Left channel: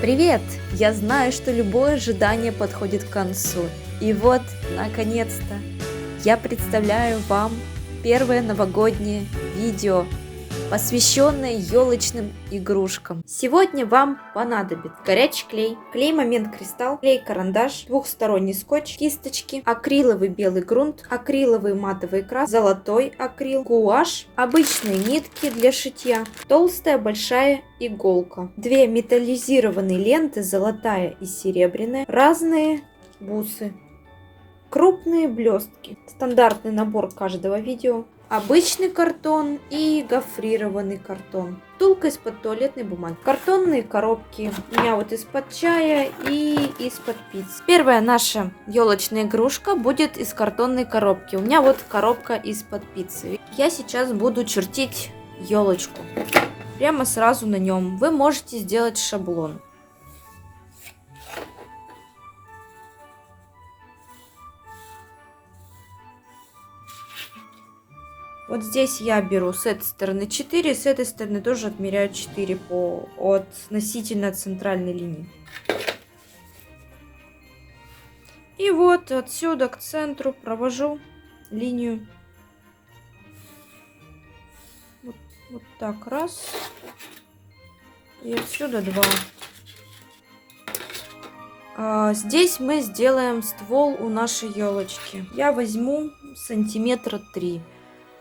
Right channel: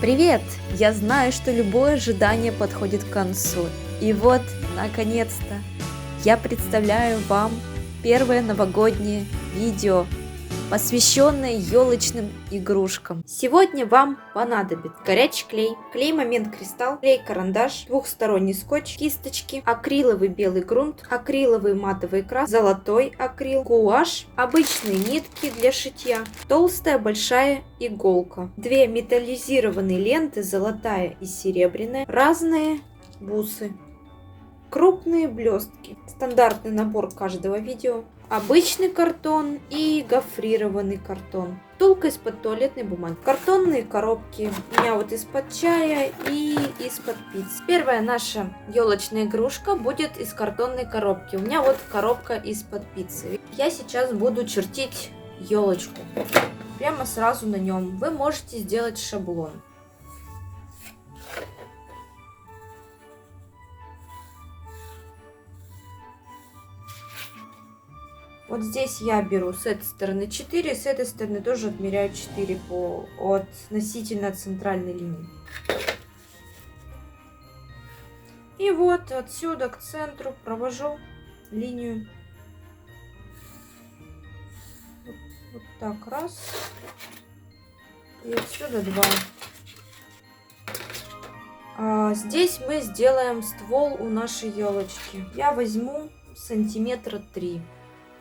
Привет! Я знаю, что любое ожидание подходит к концу. И вот, наконец-то, я представляю вам первое новогоднее видео, посвященное елочным игрушкам. Сегодня вам понадобится горячий клей, клей Момент Кристалл, клей-карандаш, двухсторонний скотч, кисточки, акриловый белый грунт, акриловый матовый крас, золотой акрил, гуашь, обычные нитки для шитья, толстая большая иголка, две металлизированные ленты, золотая и серебряная, разные бусы, крупные блестки, стандартный набор каждого видео, обычный картон и гофрированный картон, втулка из-под туалетной бумаги, картонные коробки, у меня вот из-под чая и из-под пиццы. Первая наша елочная игрушка будет из картонной коробки, у меня вот коробка из-под пиццы. Я сейчас буду чертить елочку, прямо сразу на нем. Вы можете сделать шаблон. Вот здесь я беру с этой стороны 4, с этой стороны тоже отмеряю 4 от относительно центральной линии. И вот отсюда к центру провожу линию. Вот так, раз. И отсюда 2. Здесь мы сделаем ствол у нашей елочки. Я возьму сантиметра 3.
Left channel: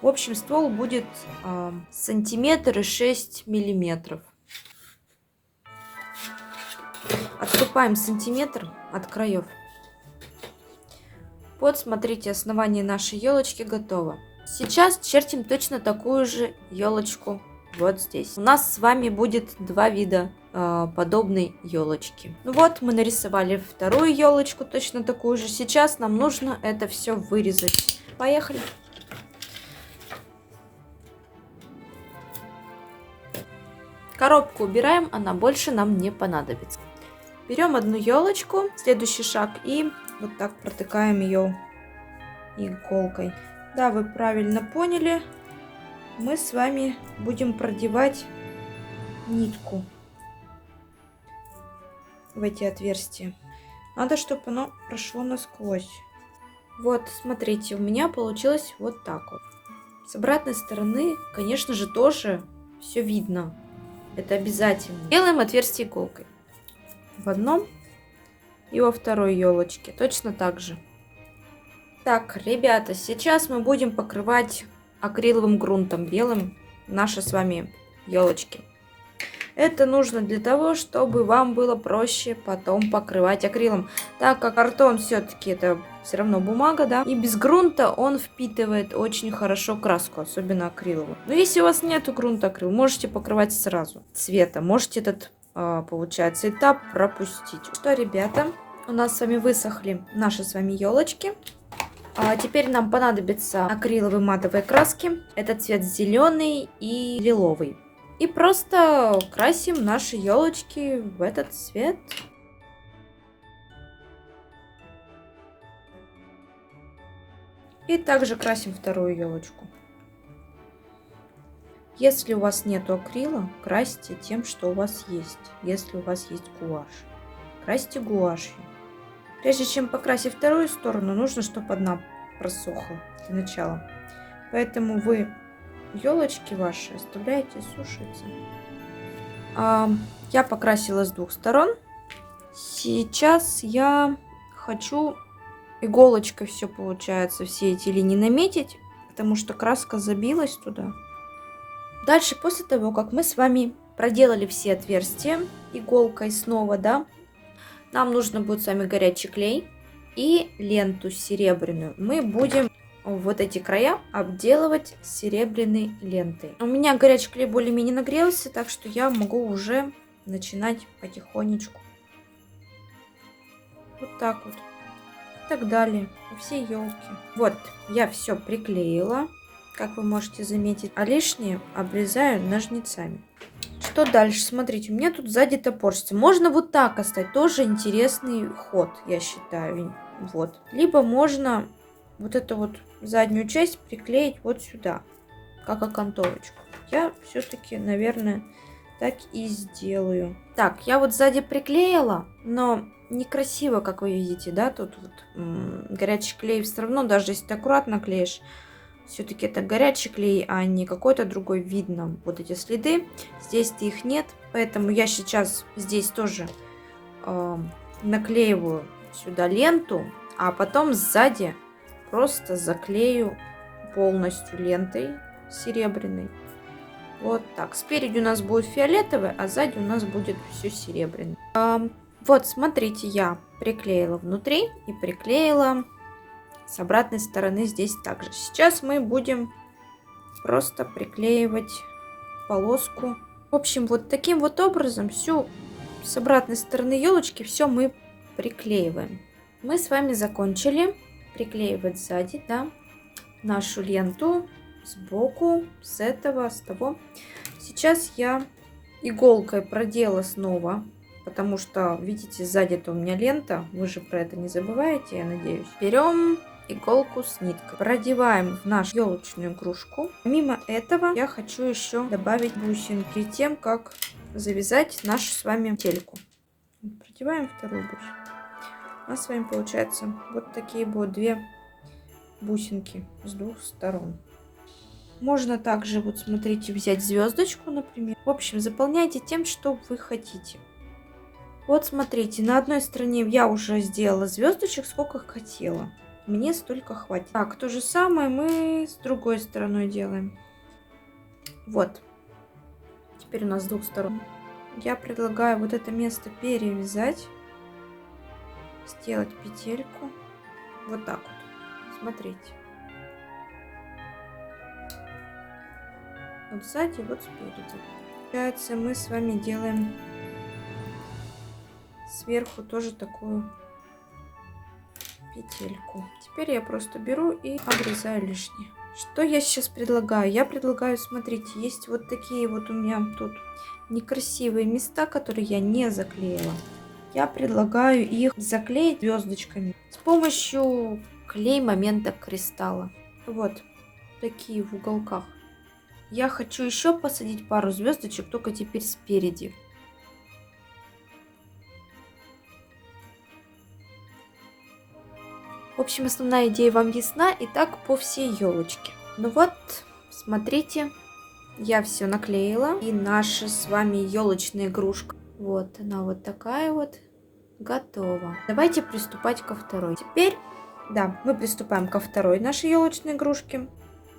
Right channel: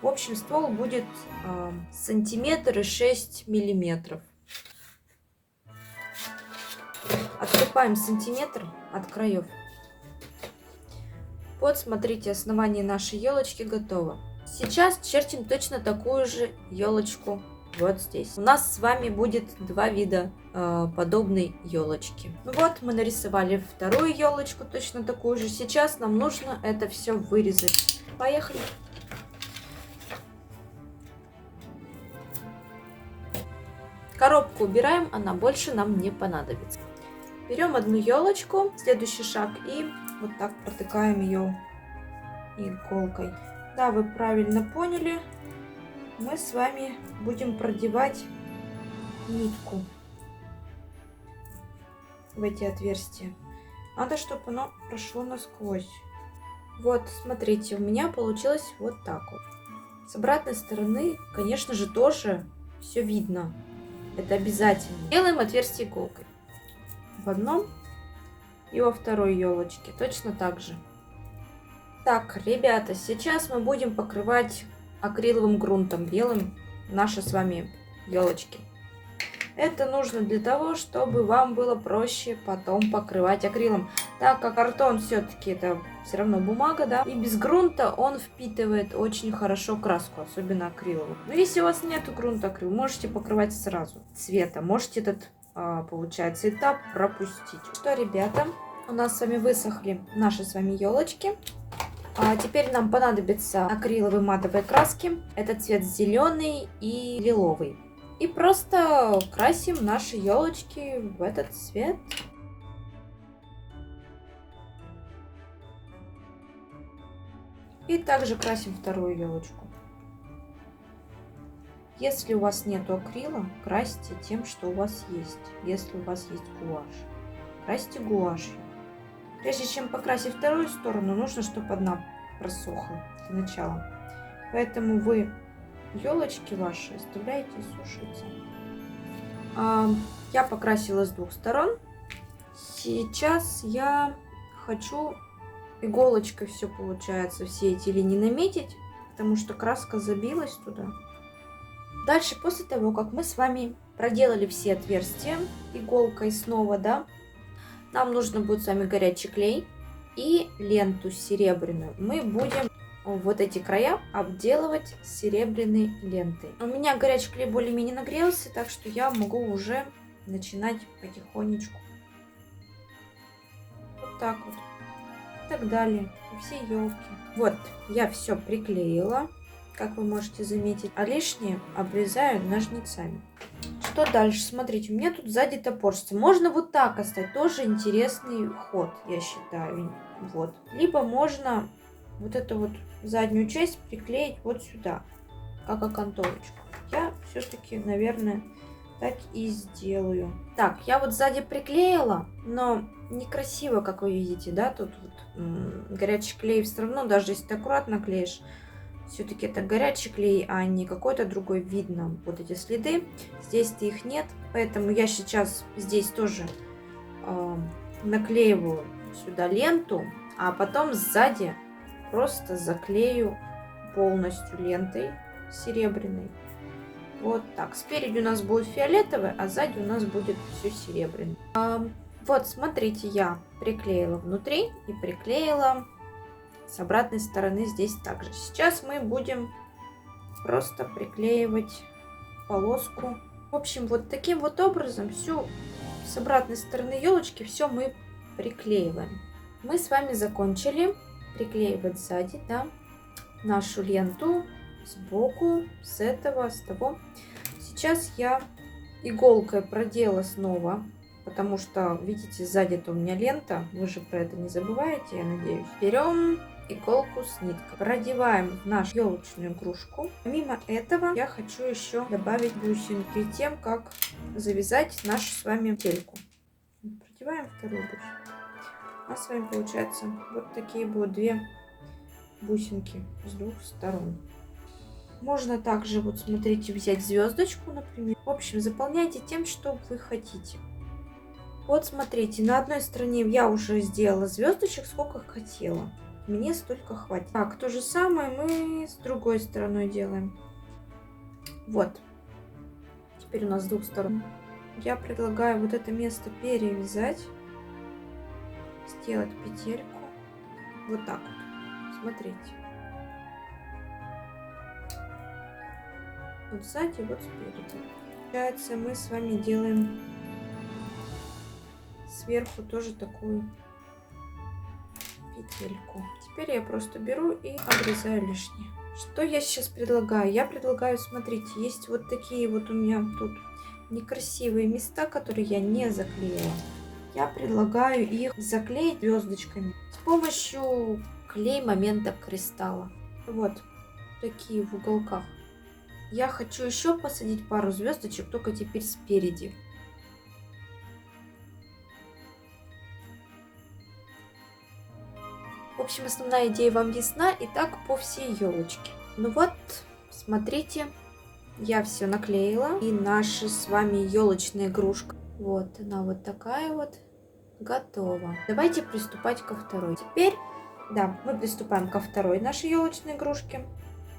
В общем, ствол будет сантиметр и 6 миллиметров. Отступаем сантиметр от краев. Вот, смотрите, основание нашей елочки готово. Сейчас чертим точно такую же елочку вот здесь. У нас с вами будет два вида подобной елочки. Ну вот, мы нарисовали вторую елочку, точно такую же. Сейчас нам нужно это все вырезать. Поехали! Коробку убираем, она больше нам не понадобится. Берем одну елочку, следующий шаг, и вот так протыкаем ее иголкой. Да, вы правильно поняли. Мы с вами будем продевать нитку в эти отверстия. Надо, чтобы оно прошло насквозь. Вот, смотрите, у меня получилось вот так вот. С обратной стороны, конечно же, тоже все видно. Это обязательно. Делаем отверстие иголкой. В одном и во второй елочке. Точно так же. Так, ребята, сейчас мы будем покрывать акриловым грунтом белым наши с вами елочки. Это нужно для того, чтобы вам было проще потом покрывать акрилом. Так как картон все-таки это все равно бумага, да, и без грунта он впитывает очень хорошо краску, особенно акриловую. Но если у вас нету грунта акрил, можете покрывать сразу цвета. Можете этот, получается, этап пропустить. Что, ребята, у нас с вами высохли наши с вами елочки. Теперь нам понадобятся акриловые матовые краски. Это цвет зеленый и лиловый. И просто красим наши елочки в этот цвет. И также красим вторую елочку. Если у вас нет акрила, красьте тем, что у вас есть. Если у вас есть гуашь, красьте гуашью. Прежде чем покрасить вторую сторону, нужно, чтобы одна просохла для начала. Поэтому вы елочки ваши оставляете сушиться. Я покрасила с двух сторон. Сейчас я хочу иголочкой все получается, все эти линии наметить, потому что краска забилась туда. Дальше, после того, как мы с вами проделали все отверстия иголкой снова, да, нам нужно будет с вами горячий клей и ленту серебряную. Мы будем вот эти края обделывать серебряной лентой. У меня горячий клей более-менее нагрелся, так что я могу уже начинать потихонечку. Вот так вот. И так далее. По всей елке. Вот, я все приклеила, как вы можете заметить. А лишнее обрезаю ножницами. Что дальше? Смотрите, у меня тут сзади топорщится. Можно вот так оставить. Тоже интересный ход, я считаю. Вот. Либо можно вот эту вот заднюю часть приклеить вот сюда, как окантовочку. Я все-таки, наверное, так и сделаю. Так, я вот сзади приклеила, но некрасиво, как вы видите, да, тут вот горячий клей все равно, даже если ты аккуратно клеишь, все-таки это горячий клей, а не какой-то другой. Видно вот эти следы. Здесь-то их нет, поэтому я сейчас здесь тоже наклеиваю сюда ленту, а потом сзади просто заклею полностью лентой серебряной. Вот так. Спереди у нас будет фиолетовый, а сзади у нас будет все серебряное. Вот, смотрите, я приклеила внутри и приклеила с обратной стороны здесь также. Сейчас мы будем просто приклеивать полоску. В общем, вот таким вот образом всю с обратной стороны елочки все мы приклеиваем. Мы с вами закончили приклеивать сзади, да, нашу ленту сбоку, с этого, с того. Сейчас я иголкой продела снова, потому что, видите, сзади-то у меня лента, вы же про это не забываете, я надеюсь. Берем иголку с ниткой, продеваем в нашу елочную игрушку. Помимо этого я хочу еще добавить бусинки перед тем, как завязать нашу с вами тельку. Продеваем вторую бусинку. У нас с вами получается вот такие будут две бусинки с двух сторон. Можно также, вот смотрите, взять звездочку, например. В общем, заполняйте тем, что вы хотите. Вот смотрите, на одной стороне я уже сделала звездочек, сколько хотела. Мне столько хватит. Так, то же самое мы с другой стороной делаем. Вот. Теперь у нас с двух сторон. Я предлагаю вот это место перевязать. Сделать петельку. Вот так вот. Смотрите. Вот сзади, вот спереди. Получается, мы с вами делаем сверху тоже такую петельку. Теперь я просто беру и обрезаю лишнее. Что я сейчас предлагаю? Я предлагаю, смотрите, есть вот такие вот у меня тут некрасивые места, которые я не заклеила. Я предлагаю их заклеить звездочками с помощью клей момента кристалла. Вот такие в уголках. Я хочу еще посадить пару звездочек, только теперь спереди. В общем, основная идея вам ясна, и так по всей елочке. Ну вот, смотрите, я все наклеила, и наша с вами елочная игрушка. Вот она вот такая вот, готова. Давайте приступать ко второй. Теперь, да, мы приступаем ко второй нашей елочной игрушке.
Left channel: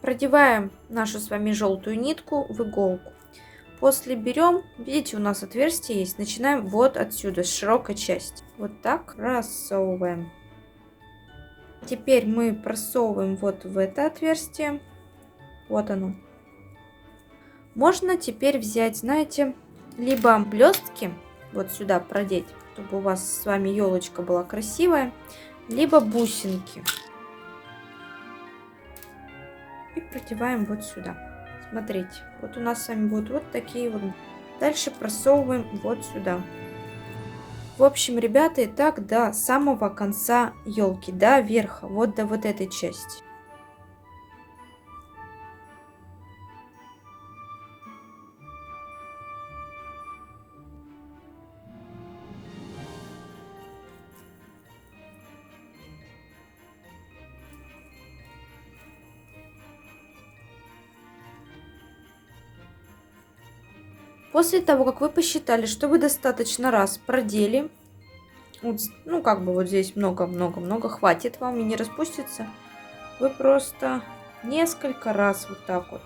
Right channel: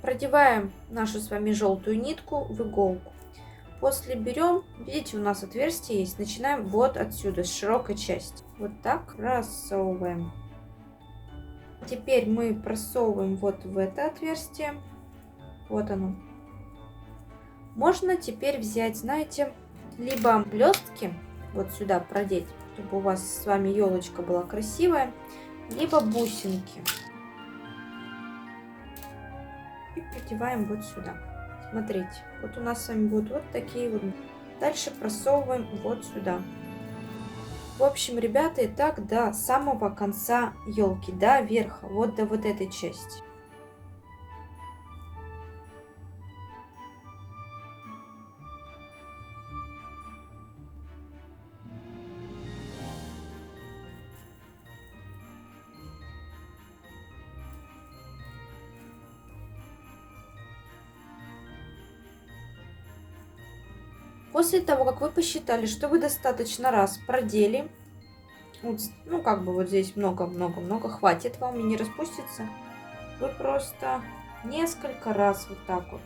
Продеваем нашу с вами желтую нитку в иголку. После берем, видите, у нас отверстие есть. Начинаем вот отсюда, с широкой части. Вот так просовываем. Теперь мы просовываем вот в это отверстие. Вот оно. Можно теперь взять, знаете, либо блестки вот сюда продеть, чтобы у вас с вами елочка была красивая, либо бусинки. И продеваем вот сюда. Смотрите, вот у нас с вами будут вот такие вот. Дальше просовываем вот сюда. В общем, ребята, и так до самого конца елки, до верха, вот до вот этой части. После того, как вы посчитали, что вы достаточно раз продели, вот, ну как бы вот здесь много-много-много, хватит вам и не распустится, вы просто несколько раз вот так вот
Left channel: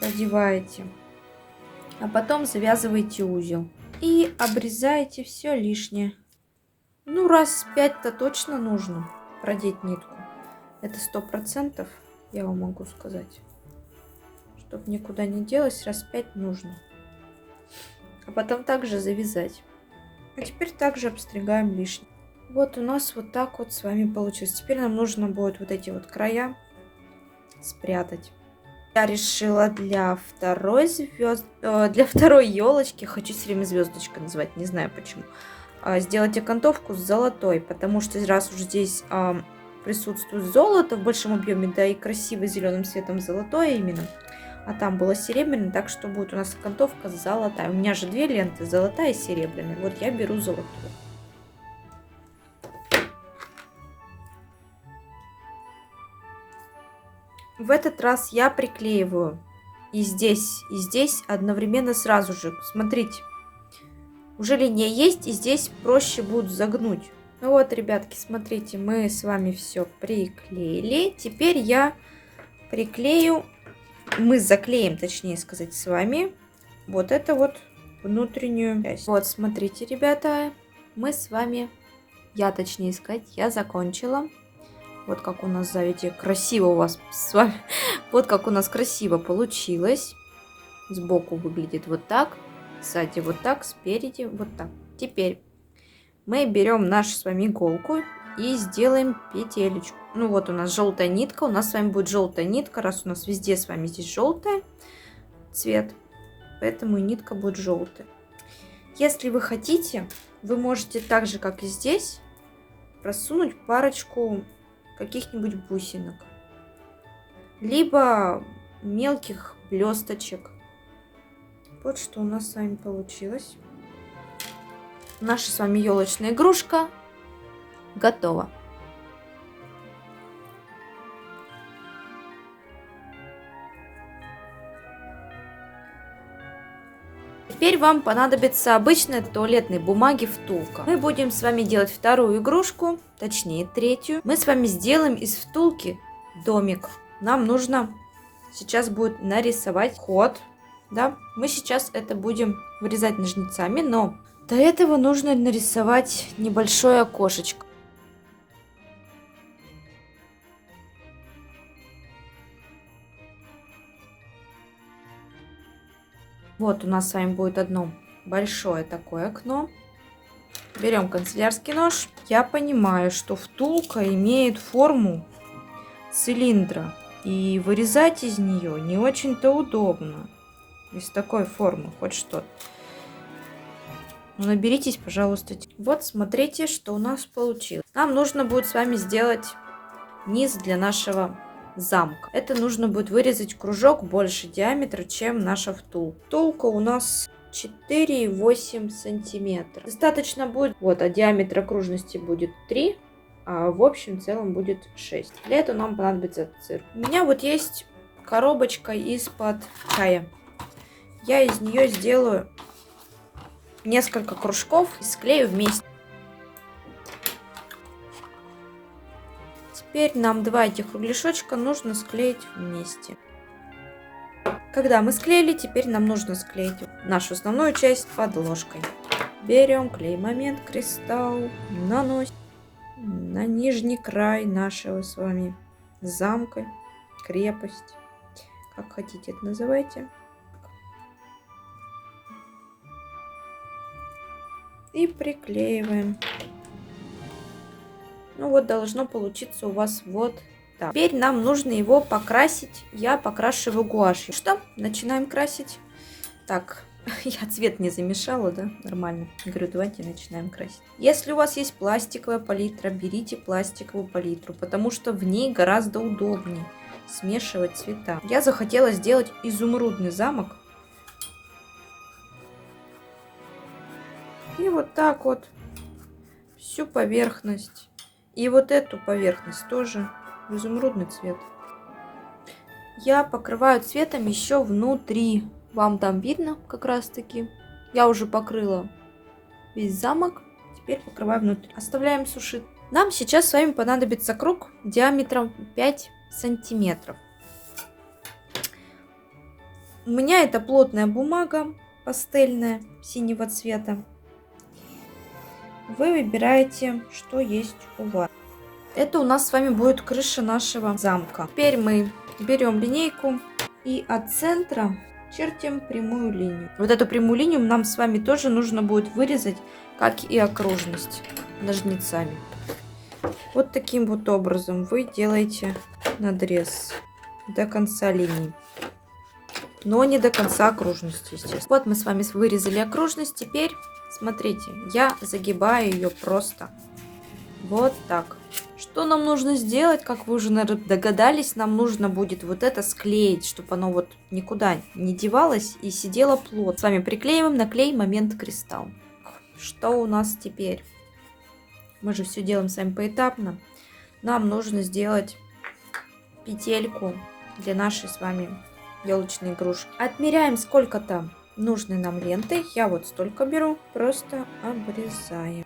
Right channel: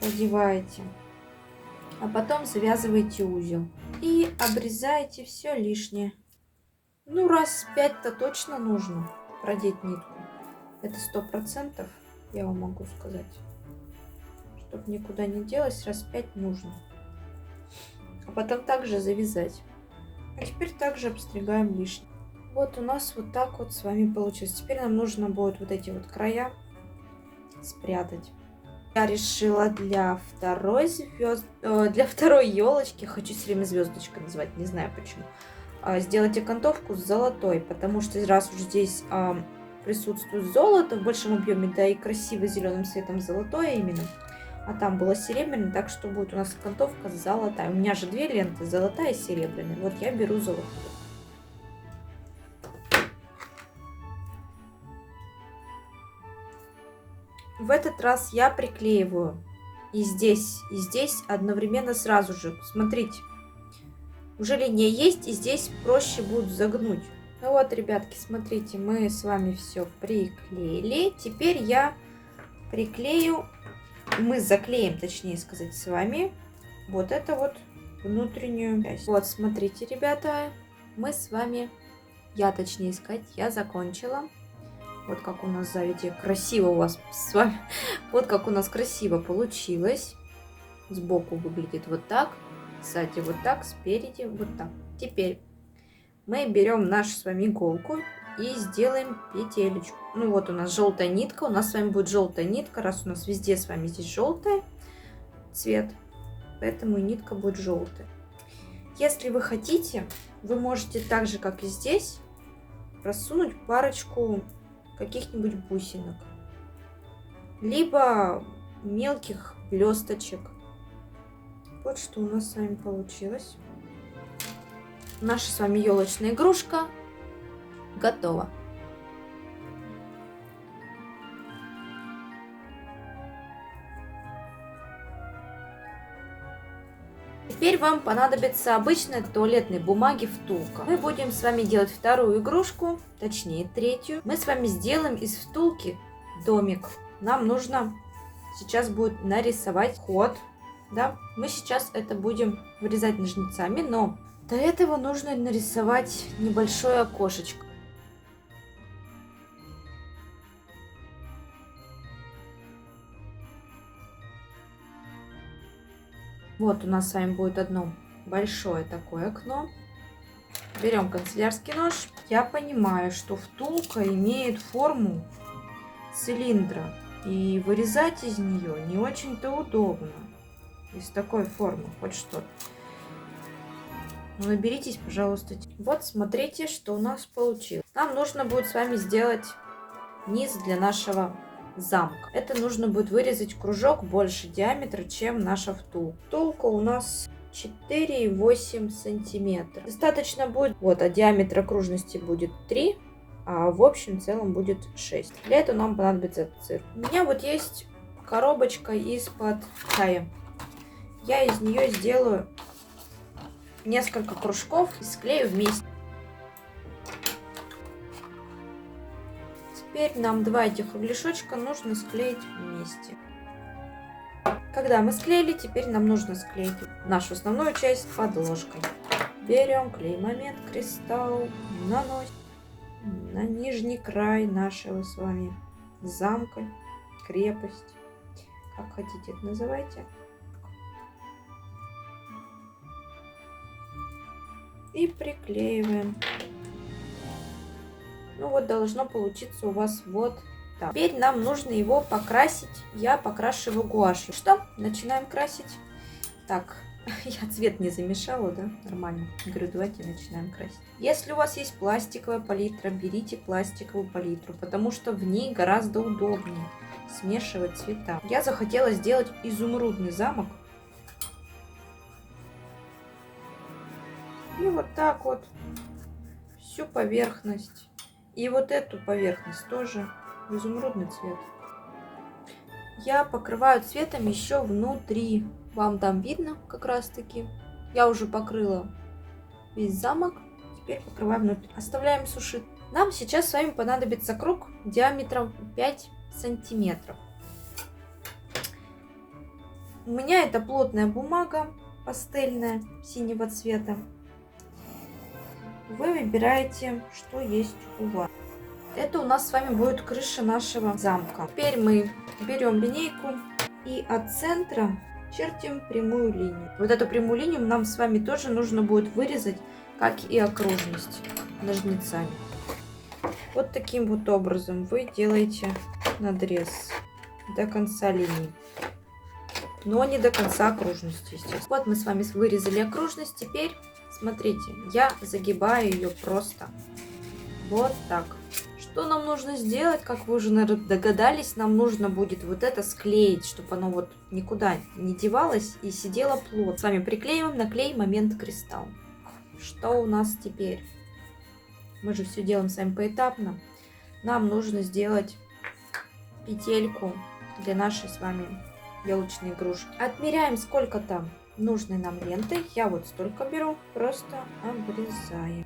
продеваете, а потом завязываете узел и обрезаете все лишнее. Ну раз 5-то точно нужно продеть нитку, это 100%, я вам могу сказать. Чтобы никуда не делось, раз 5 нужно. А потом также завязать. А теперь также обстригаем лишнее. Вот у нас вот так вот с вами получилось. Теперь нам нужно будет вот эти вот края спрятать. Я решила для второй елочки, хочу все время звездочкой называть, не знаю почему, сделать окантовку с золотой, потому что раз уж здесь присутствует золото в большом объеме, да и красиво зеленым цветом золотое именно, А там было серебряное, так что будет у нас окантовка золотая. У меня же две ленты, золотая и серебряная. Вот я беру золотую. В этот раз я приклеиваю и здесь одновременно сразу же. Смотрите, уже линия есть, и здесь проще будет загнуть. Ну вот, ребятки, смотрите, мы с вами все приклеили. Теперь я приклею, мы заклеим, точнее сказать, с вами вот это вот внутреннюю часть. Вот, смотрите, ребята, мы с вами, точнее сказать, я закончила. Вот как у нас сзади красиво у вас с вами. Вот как у нас красиво получилось. Сбоку выглядит вот так. Сзади вот так. Спереди вот так. Теперь мы берем нашу с вами иголку и сделаем петелечку. Ну вот у нас желтая нитка. У нас с вами будет желтая нитка. Раз у нас везде с вами здесь желтый цвет. Поэтому нитка будет желтая. Если вы хотите, вы можете так же, как и здесь, просунуть парочку каких-нибудь бусинок, либо мелких блесточек. Вот что у нас с вами получилось. Наша с вами елочная игрушка готова. Теперь вам понадобится обычная туалетной бумаги втулка. Мы будем с вами делать вторую игрушку, точнее третью. Мы с вами сделаем из втулки домик. Нам нужно сейчас будет нарисовать ход. Да? Мы сейчас это будем вырезать ножницами, но до этого нужно нарисовать небольшое окошечко. Вот у нас с вами будет одно большое такое окно. Берем канцелярский нож. Я понимаю, что втулка имеет форму цилиндра. И вырезать из нее не очень-то удобно. Из такой формы, хоть что-то. Наберитесь, пожалуйста. Вот смотрите, что у нас получилось. Нам нужно будет с вами сделать низ для нашего замка. Это нужно будет вырезать кружок больше диаметра, чем наша втулка. Втулка у нас 4,8 сантиметра. Достаточно будет, вот, а диаметр окружности будет 3, а в общем целом будет 6. Для этого нам понадобится цирк. У меня вот есть коробочка из-под чая. Я из нее сделаю несколько кружков и склею вместе. Теперь нам два этих углешочка нужно склеить вместе. Когда мы склеили, теперь нам нужно склеить нашу основную часть подложкой. Берем клей-момент, кристалл, наносим на нижний край нашего с вами замка, крепость, как хотите это называйте. И приклеиваем. Ну вот должно получиться у вас вот так. Теперь нам нужно его покрасить. Я покрашиваю гуашью. Что? Начинаем красить. Так, я цвет не замешала, да? Нормально. Говорю, давайте начинаем красить. Если у вас есть пластиковая палитра, берите пластиковую палитру, потому что в ней гораздо удобнее смешивать цвета. Я захотела сделать изумрудный замок. И вот так вот всю поверхность. И вот эту поверхность тоже в изумрудный цвет. Я покрываю цветом еще внутри. Вам там видно как раз таки. Я уже покрыла весь замок. Теперь покрываю внутри. Оставляем сушить. Нам сейчас с вами понадобится круг диаметром 5 сантиметров. У меня это плотная бумага пастельная синего цвета. Вы выбираете, что есть у вас. Это у нас с вами будет крыша нашего замка. Теперь мы берем линейку и от центра чертим прямую линию. Вот эту прямую линию нам с вами тоже нужно будет вырезать, как и окружность, ножницами. Вот таким вот образом вы делаете надрез до конца линии. Но не до конца окружности, естественно. Вот мы с вами вырезали окружность. Теперь, смотрите, я загибаю ее просто вот так, Что нам нужно сделать, как вы уже, наверное, догадались, нам нужно будет вот это склеить, чтобы оно вот никуда не девалось и сидело плотно. С вами приклеиваем на клей момент кристалл. Что у нас теперь? Мы же все делаем с вами поэтапно. Нам нужно сделать петельку для нашей с вами елочной игрушки. Отмеряем сколько-то нужной нам ленты. Я вот столько беру, просто обрезаем.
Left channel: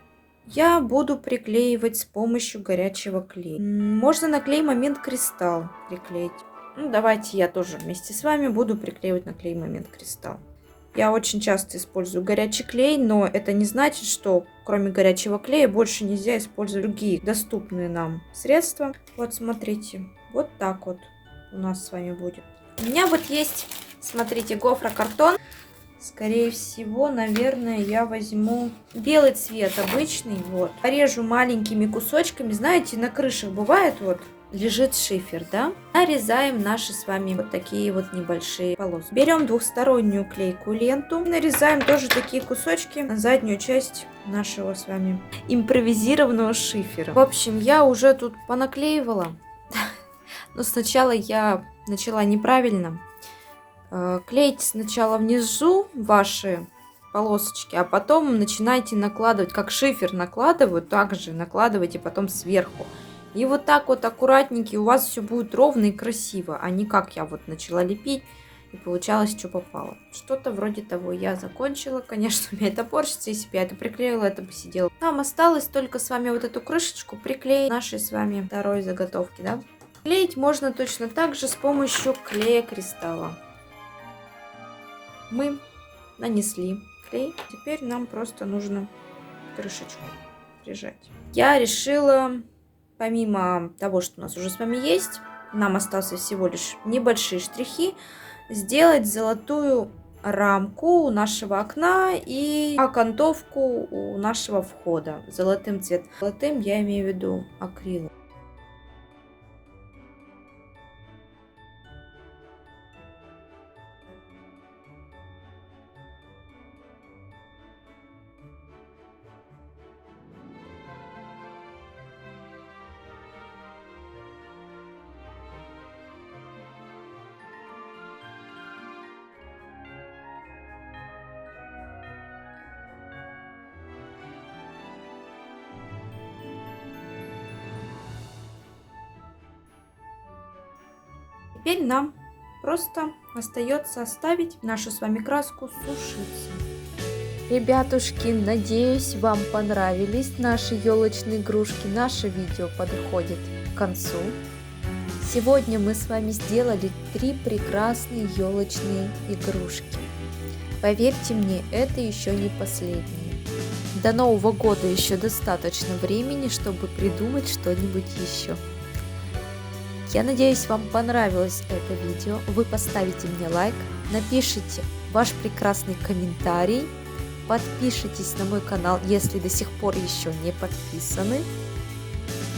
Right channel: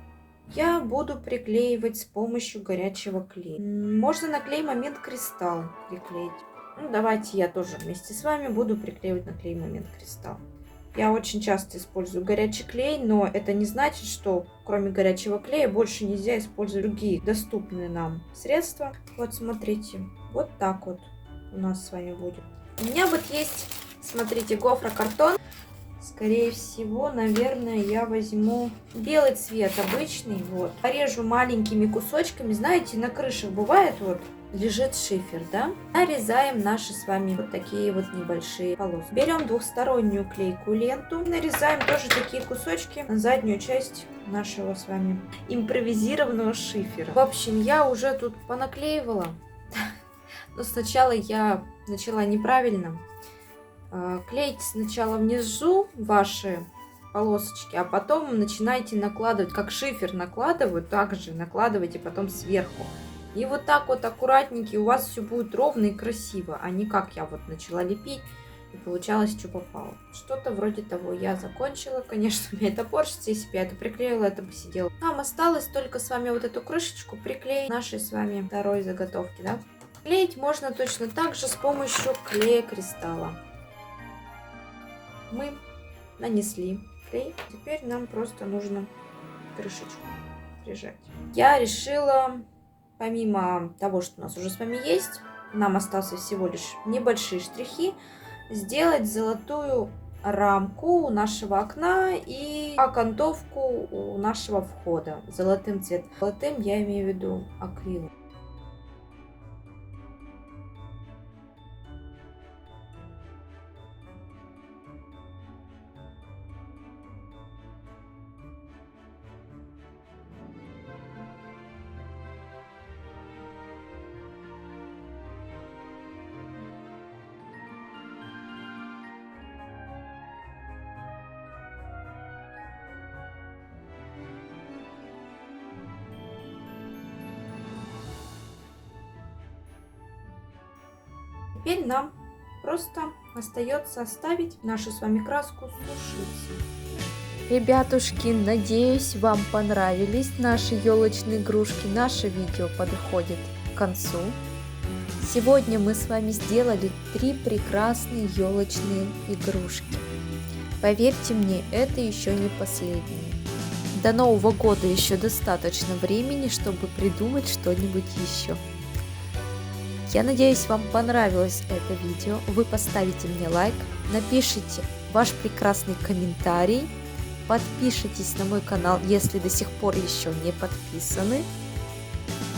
Я буду приклеивать с помощью горячего клея. Можно на клей момент кристалл приклеить. Ну, давайте я тоже вместе с вами буду приклеивать на клей момент кристалл. Я очень часто использую горячий клей, но это не значит, что кроме горячего клея больше нельзя использовать другие доступные нам средства. Вот смотрите, вот так вот у нас с вами будет. У меня вот есть, смотрите, гофрокартон. Скорее всего, наверное, я возьму белый цвет обычный, вот. Порежу маленькими кусочками. Знаете, на крышах бывает вот лежит шифер, да? Нарезаем наши с вами вот такие вот небольшие полосы. Берем двухстороннюю клейкую ленту. Нарезаем тоже такие кусочки на заднюю часть нашего с вами импровизированного шифера. В общем, я уже тут понаклеивала. Но сначала я начала неправильно. Клейте сначала внизу ваши полосочки, а потом начинайте накладывать, как шифер накладывают, также накладывайте потом сверху. И вот так вот аккуратненько у вас все будет ровно и красиво, а не как я вот начала лепить и получалось, что попало. Что-то вроде того я закончила. Конечно, у меня это порчится, если бы я это приклеила, это бы сидело. Нам осталось только с вами вот эту крышечку приклеить нашей с вами второй заготовки, да? Клеить можно точно так же с помощью клея кристалла. Мы нанесли клей. Теперь нам просто нужно крышечку прижать. Я решила, помимо того, что у нас уже с вами есть, нам остался всего лишь небольшие штрихи, сделать золотую рамку у нашего окна и окантовку у нашего входа золотым цветом. Золотым я имею в виду акрил. Теперь нам просто остается оставить нашу с вами краску сушиться. Ребятушки, надеюсь, вам понравились наши елочные игрушки. Наше видео подходит к концу. Сегодня мы с вами сделали 3 прекрасные елочные игрушки. Поверьте мне, это еще не последние. До Нового года еще достаточно времени, чтобы придумать что-нибудь еще. Я надеюсь, вам понравилось это видео. Вы поставите мне лайк, напишите ваш прекрасный комментарий, подпишитесь на мой канал, если до сих пор еще не подписаны.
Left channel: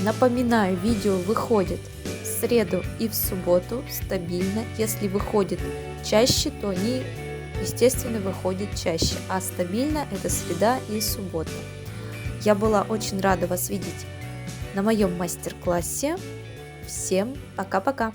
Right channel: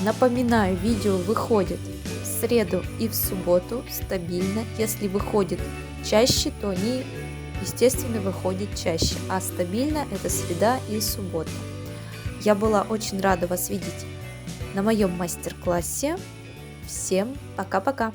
Напоминаю, видео выходит в среду и в субботу стабильно. Если выходит чаще, то они, естественно, выходят чаще, а стабильно это среда и суббота. Я была очень рада вас видеть на моем мастер-классе. Всем пока-пока!